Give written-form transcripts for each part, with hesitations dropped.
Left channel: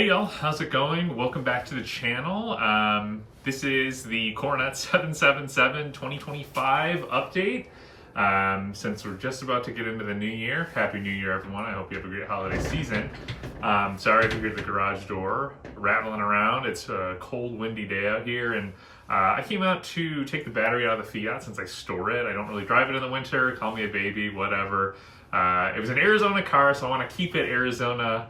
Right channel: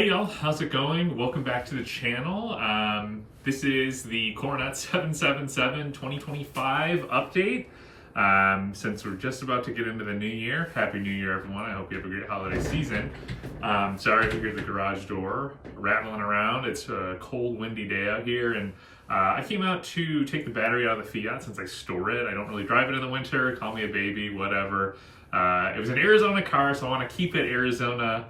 Hey y'all, how's it going? Welcome back to the channel. This is the Coronet777 2025 update. Since we're just about to get into the new year, Happy New Year everyone. I hope you have a great holiday season. Sorry if you hear the garage door rattling around. It's a cold, windy day out here, and I came out to take the battery out of the Fiat since I store it. I don't really drive it in the winter, call me a baby, whatever. It was an Arizona car, so I want to keep it Arizona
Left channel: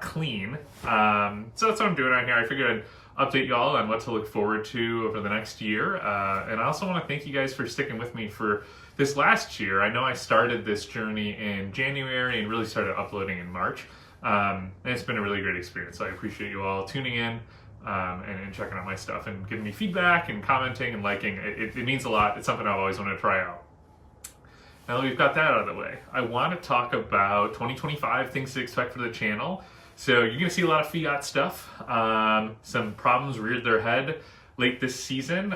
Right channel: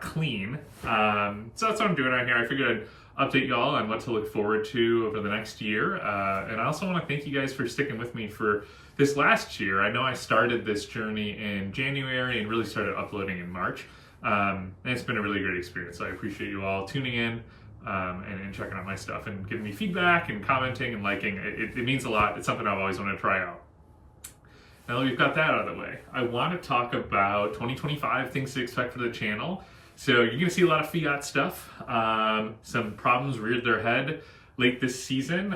clean. So that's what I'm doing out here. I figured I'd update y'all on what to look forward to over the next year. And I also want to thank you guys for sticking with me for this last year. I know I started this journey in January and really started uploading in March. And it's been a really great experience. So I appreciate you all tuning in and checking out my stuff and giving me feedback and commenting and liking. It means a lot. It's something I've always wanted to try out. Now that we've got that out of the way, I want to talk about 2025, things to expect for the channel. So you're going to see a lot of Fiat stuff. Some problems reared their head late this season.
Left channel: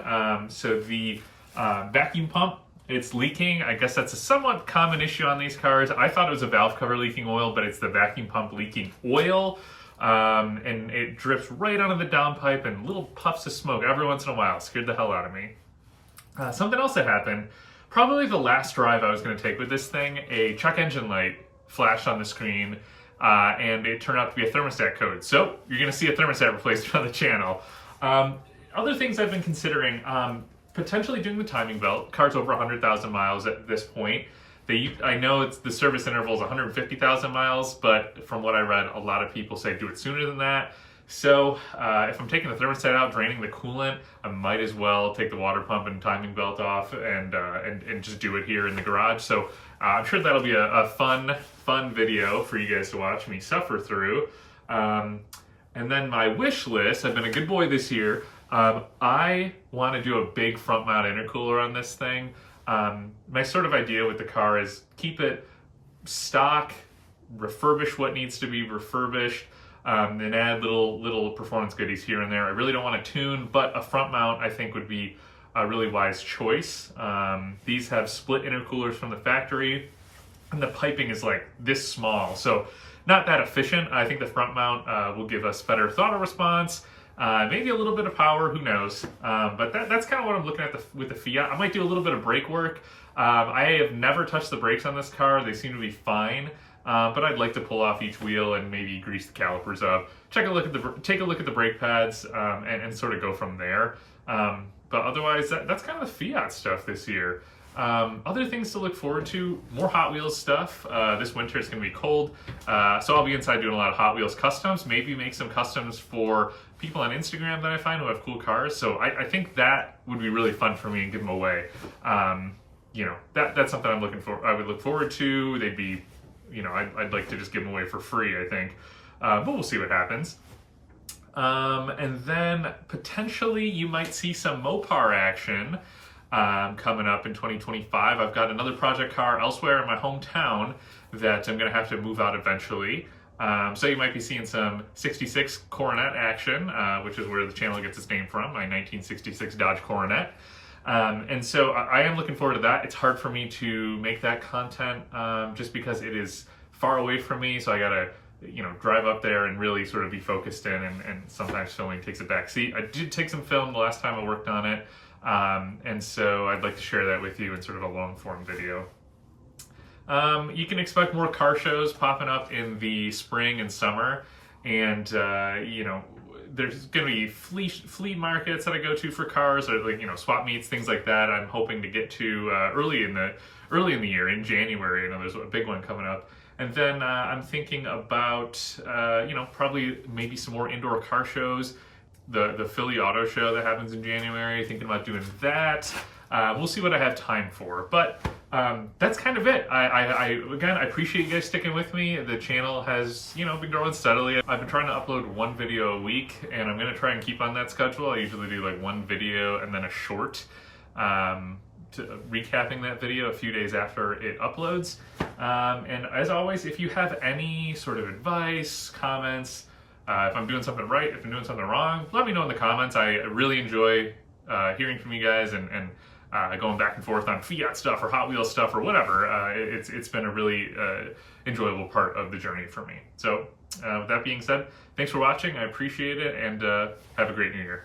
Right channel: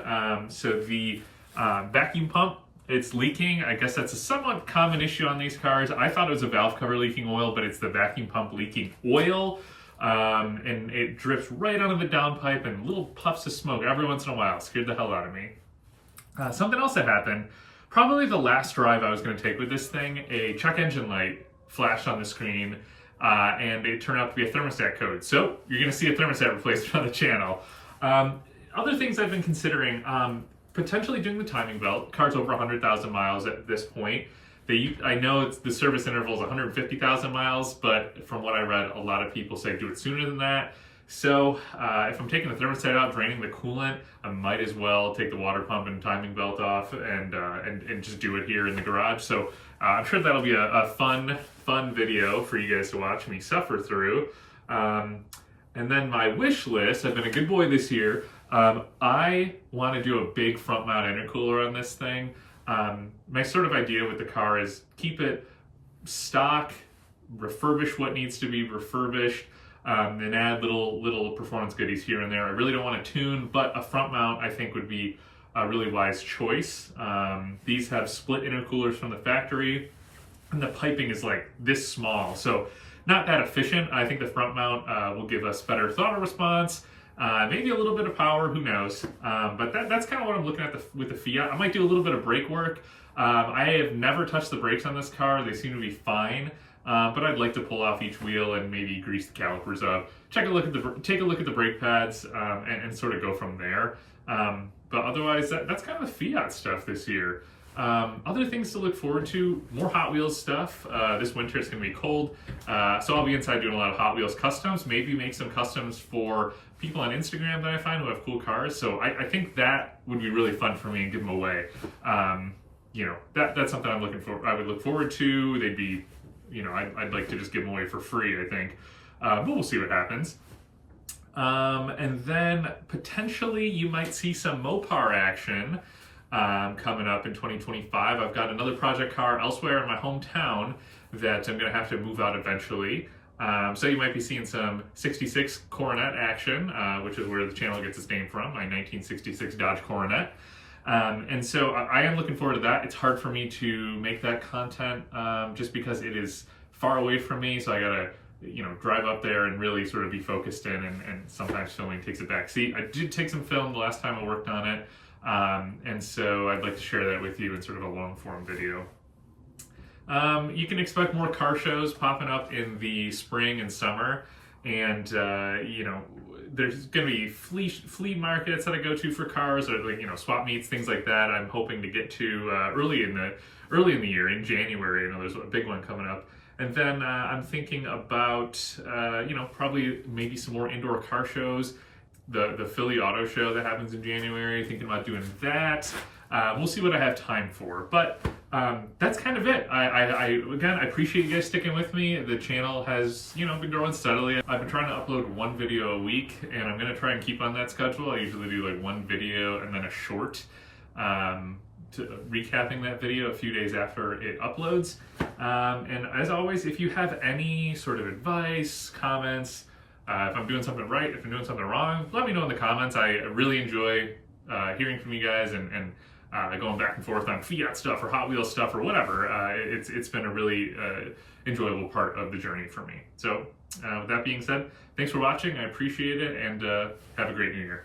So the vacuum pump, it's leaking. I guess that's a somewhat common issue on these cars. I thought it was a valve cover leaking oil, but it's the vacuum pump leaking oil. And it drips right onto the downpipe and little puffs of smoke every once in a while. It scared the hell out of me. Something else that happened, probably the last drive I was going to take with this thing, a check engine light flashed on the screen, and it turned out to be a thermostat code. So you're going to see a thermostat replacement on the channel. Other things I've been considering, potentially doing the timing belt. Car's over 100,000 miles at this point. I know the service interval is 150,000 miles, but from what I read, a lot of people say do it sooner than that. So if I'm taking the thermostat out, draining the coolant, I might as well take the water pump and timing belt off and just do it here in the garage. So I'm sure that'll be a fun video for you guys to watch me suffer through. And then my wish list, I've been a good boy this year. I want to do a big front mount intercooler on this thing. My sort of idea with the car is keep it stock, refurbish what needs to be refurbished, and add little performance goodies here and there. I really don't want to tune, but a front mount I think would be a really wise choice. These have split intercoolers from the factory, and the piping is like this small, so not that efficient. I think the front mount will give us better throttle response, maybe a little bit of power, who knows. But that's kind of what I'm looking at with the Fiat. I might do a little bit of brake work. I have never touched the brakes on this car. They seem to be fine. But I'd like to pull off each wheel and maybe grease the calipers up, take a look at the brake pads, and sort of go from there. But otherwise, that's kind of the Fiat stuff this year. Other things to look forward to, more Hot Wheels stuff. This winter it's going to be cold, so I'll be inside doing a lot of Hot Wheels customs, maybe make some customs for people on Instagram that I find who have cool cars. So I think that would be really fun for me and give them away. You know, that's something I would look forward to. They'd be, you know, I'd like to just give them away for free, I think. But we'll see what happens. And then potentially you might see some Mopar action coming up in 2025. I've got another project car elsewhere in my hometown that I'm going to have to move out eventually. So you might be seeing some 66 Coronet action, which is where the channel gets its name from, my 1966 Dodge Coronet. And so I am looking forward to that. It's hard for me to make that content just because it is far away from me. So I gotta, you know, drive up there and really sort of be focused in, and sometimes filming takes a back seat. I did take some film the last time I worked on it. And so I'd like to share that with you in sort of a long form video. You can expect more car shows popping up in the spring and summer. And, you know, there's going to be flea markets that I go to for cars, or like, you know, swap meets, things like that. I'm hoping to get to early in the year, in January. You know, there's a big one coming up. And then I'm thinking about, you know, probably maybe some more indoor car shows. The Philly Auto Show that happens in January, thinking about doing that. We'll see what I have time for, but that's kind of it. Again, I appreciate you guys sticking with me. The channel has, you know, been growing steadily. I've been trying to upload one video a week, and I'm going to try and keep on that schedule. I usually do like one video and then a short, recapping that video a few days after it uploads. And as always, if you have any sort of advice, comments, if I'm doing something right, if I'm doing something wrong, let me know in the comments. I really enjoy hearing from you guys and going back and forth on Fiat stuff or Hot Wheels stuff or whatever. It's been a really enjoyable part of the journey for me. So with that being said, thanks for watching. I appreciate it, and have a great new year.